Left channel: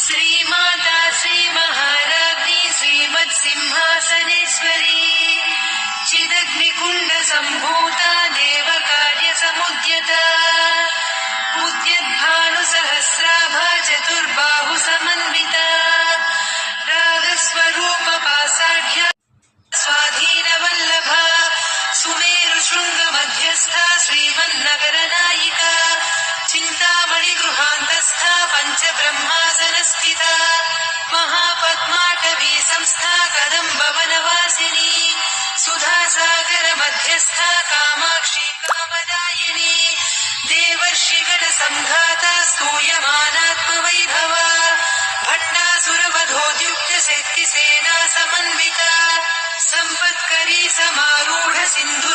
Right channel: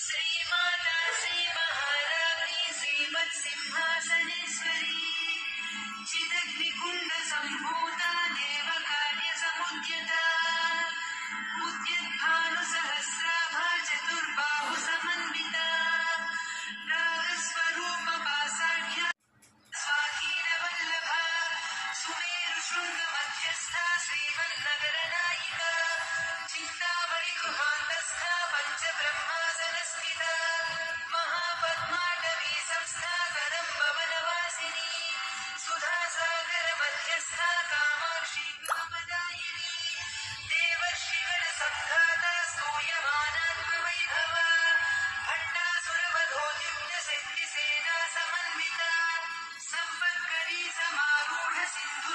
श्रीमाता श्रीमहाराज्ञी श्रीमत्सिंहासनेश्वरी चिदग्निकुण्डसम्भूता देवकार्यसमुद्यता उद्यद्भानुसहस्राभा चतुर्बाहुसमन्विता रागस्वरूपपासाढ्या स्वाधीनवल्लभा सुमेरुशृङ्गमध्यस्था श्रीमन्नगरनायिका चिन्तामणिगृहान्तस्था पञ्चब्रह्मासनस्थिता महापद्माटवी संस्था कदम्बवनवासिनी सुधासागरमध्यस्था कामाक्षी कामदायिनी देवर्षिगणसङ्घाता स्तूयमानात्मवैभवा भण्डासुरवधोद्युक्तशक्तिसेना समन्विता सम्पत्करी समारूढ सिन्धु